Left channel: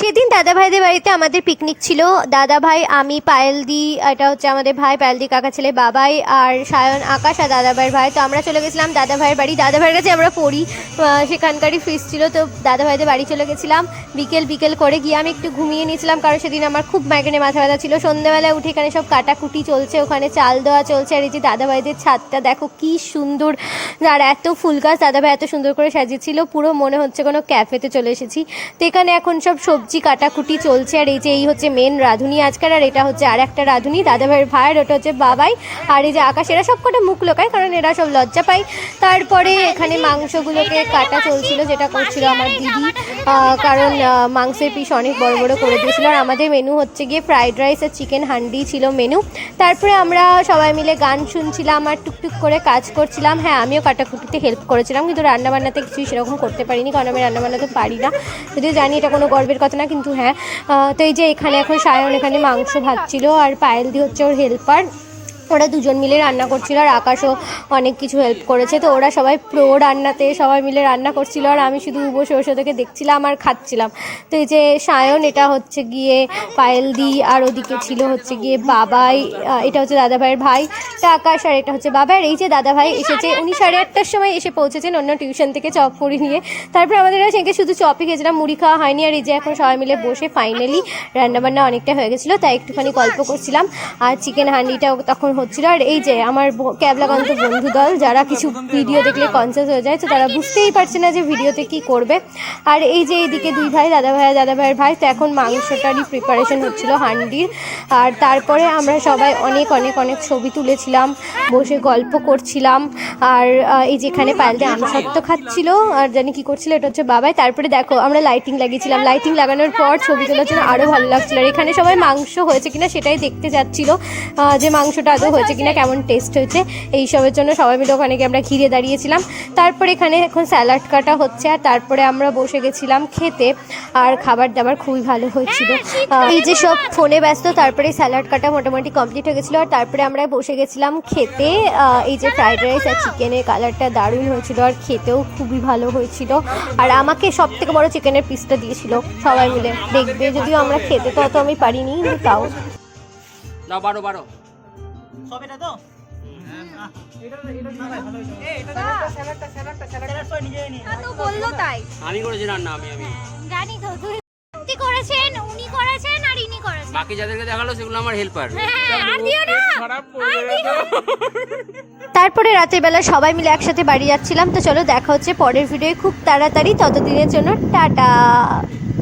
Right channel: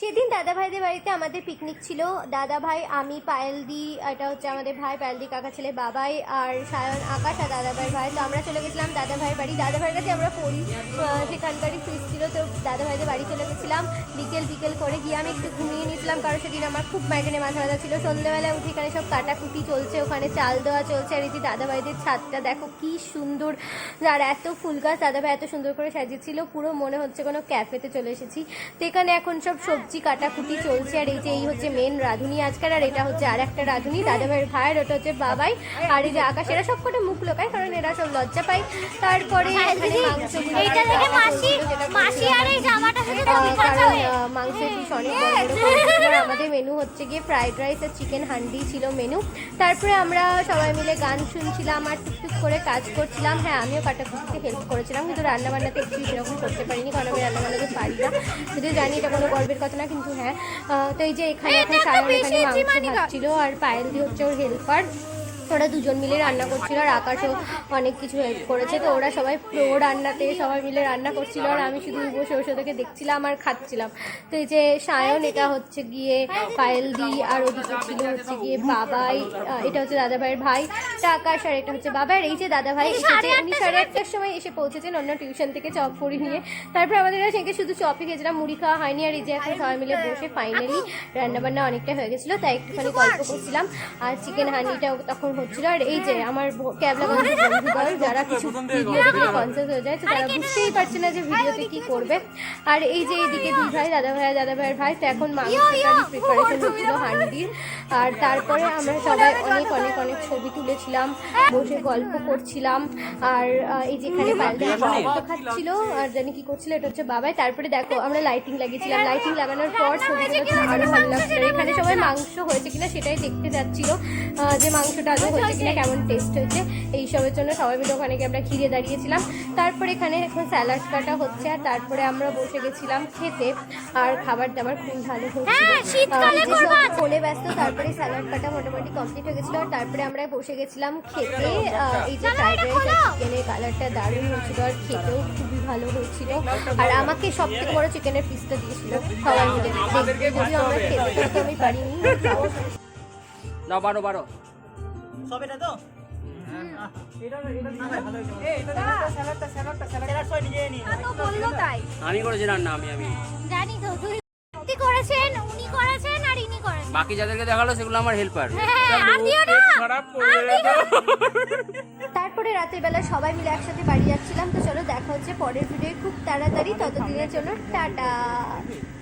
সেদিন দাদা ভাইদের বাড়িতে আমাদের পিকনিক ছিল। দাদা ভাই, আমি, পায়েলদি, এটা হচ্ছে আমাদের ভাই পায়েলদি কাকা ছেলে বাবাই, আর সায়ন, আকাশ আর দাদা ভাইয়ের ভাই। তো আমরা চলে গেছিলাম দাদা ভাইয়ের বাড়ি। দাদা ভাইয়ের কাছে আমরা পড়ি, সেখানকারই ফিস ছিল। তো দাদা ভাইদের বাড়ি চলে গেছিলাম বিকেল করে গিয়ে আমি একটু ঘুমিয়ে নিয়েছিলাম, কারণ সেদিন আমার খুব মাইগ্রেনে মাথা ব্যথা ছিল। সন্ধ্যাবেলায় উঠে এখানে সব কাটাকুটি চলছে, ওখানে চাল দেওয়া চলছে। আর এই যে দাদা ভাইদের ছাদটা দেখো কি সুন্দর, আর এত ফুল গাছ দাদা ভাই এত সুন্দর করে সাজিয়েছিল, পুরো মনে হচ্ছে কোনো ক্যাফেতে চলে এসেছি। তো এখানে এখন সব সবজি কাটাকুটি চলছে। আর এই হচ্ছে মেন রাঁধুনি আজকাল, আর এটা হচ্ছে আর একটা রাঁধুনি দাদা ভাইয়ের ভাইয়ের, ওটা হচ্ছে বাবাই। আর এই যে আকাশ, এরা সব কটা মুখ লোকায়, কারণ এরা সব লজ্জা পায়। তারপরে এখানে মাংসগুলোকে কাটা চলছিল, যেটা করছিল আমার দিদি, কারণ মাংসের পিস অনেক বড় বড় করে দিয়েছিল। আর আমাদের মেনু হচ্ছে গিয়ে ফ্রাইড রাইস আর চিকেন হান্ডি ছিল মেনু। তারপরে আমরা সবাই মিলে গান শুনছিলাম আর টুকটুক করে কাজ করছিলাম। হ্যাঁ, আমিও কাটাকুটিতে হেল্প করেছিলাম, কিন্তু রান্নাবান্নাতে কিছুই সেরকম করতে পারিনি, কারণ আমি রান্নাবান্না তো পারি না। যদিও জানি এটা কোনো গর্বের কথা না, কিন্তু হ্যাঁ। তো এই যে এখানে এখন সায়ন এখানে মাংস ভাজছিল, আর পায়েলদি হচ্ছে ওর হেল্পার। ওরা দুজন মিলে রান্না করছিল, আর আকাশও অনেক কিছু হেল্প করেছে। তো ওরা সবাই প্রো রান্নাতে সবাই মিলে রান্না করছিল, আর আমি শুধু বসে বসে ওদেরকে দেখছিলাম আর খাচ্ছিলাম। তো এই যে সায়ন, এটা হচ্ছে গিয়ে পায়েলদি, আর ওদিকে ছিল হচ্ছে গিয়ে বাবাই, এটা হচ্ছে দাদা ভাইয়ের ভাই, তা আকাশ, আর এটা হচ্ছে বাবা। আর এই যে দাদা ভাই এসেছে, উনি 8:30টার সময় এসে পৌঁছেছেন অন্য টিউশন থেকে চপ মুড়ি নিয়ে। তারপরে আমাদের সেখানে শুধু চপই খেয়েছিলাম, মুড়ি খাওয়া হয়নি। আর এই যে এখন সবাই মিলে বসে ফাইনালি রান্নাবান্না অনেকটা হয়ে গেছিলো, তাই একটুখানি গল্প করছিলাম। আর চিকেন হান্ডিটাও তখন হচ্ছিল। আর এই যে আমার ক্যাবলাগঞ্জ বন্ধু দল, যারা কিছু ভিডিও দেখলে কনসিয়াস হয়ে যায়, তো তারা বুঝতেই পারছে না যে ভিডিওতে কি করবে। আর এই যে এইদিকে দুই ভাই, দাদা ভাইয়ের ভাই। তো এখন মাংসটারই প্রিপারেশন হচ্ছিল হান্ডির। আর তারপরে আমরা সবাই অনেক অনেক অনেক ছবি তুলেছিলাম, বসে গল্প করছিলাম। আর এই যেখানে পায়েলদি আমসত্ব খাচ্ছিল, আর জানি কি করছিল, এটা হচ্ছে বাবাই। তারপরে দেখো আমরা লাইটিং লাগিয়েছিলাম, লাইটিং লাগানোর পর ছবি তোলার জন্য আরও ভালো লাগছিল। আর এখানে সবাই মাংস হয়েছে কিনা সেটাই দেখতে যাচ্ছিল, যে মাংসটা আদৌ হয়েছে কিনা, কেমন টেস্ট হয়েছে, এইসবের জন্য সবাই মিলে ওখানে গিয়ে আমরা ঘিরে দাঁড়িয়েছিলাম। তারপরে এখানে এখন স্যালাড কাটা হচ্ছে, আর তারপরে আমরা বসে গেছিলাম খেতে। আর খাবার দাবার খুবই ভালো হয়েছিল। এই যে সব ফোনে ব্যস্ত, তারপরে স্যালাড কাটা মোটামুটি কমপ্লিট হয়ে গেছিলো। আর তারপরে আমরা বসে গেছিলাম খেতে। এই যে ফ্রাইড রাইস আর চিকেনের কালারটা দারুণ হয়েছিল, আর খেতেও খুবই ভালো হয়েছিল। আর আমাকে সব থেকে বড় চিকেনের পিসটা দিয়েছিল সবাই মিলে, দেখবে। যদিও আমরা খেতে তো অত আমি পারিনি, তাও দাও 12 সব এটা তো আমি করেছি রান্না, আমি জানি তো, তুই করেছেন, উনি করেছেন, আর ইনি করেছেন। বাকি যাদেরকে দেখালো সেগুলো আমার হেল্পার। তারপরে রাতের বেলা সবাই মিলে একসাথে বাড়ি যাচ্ছিলাম। তো চলো দেখা হচ্ছে পরের ভিডিও খুব তাড়াতাড়ি, ততদিনের জন্য টাটা।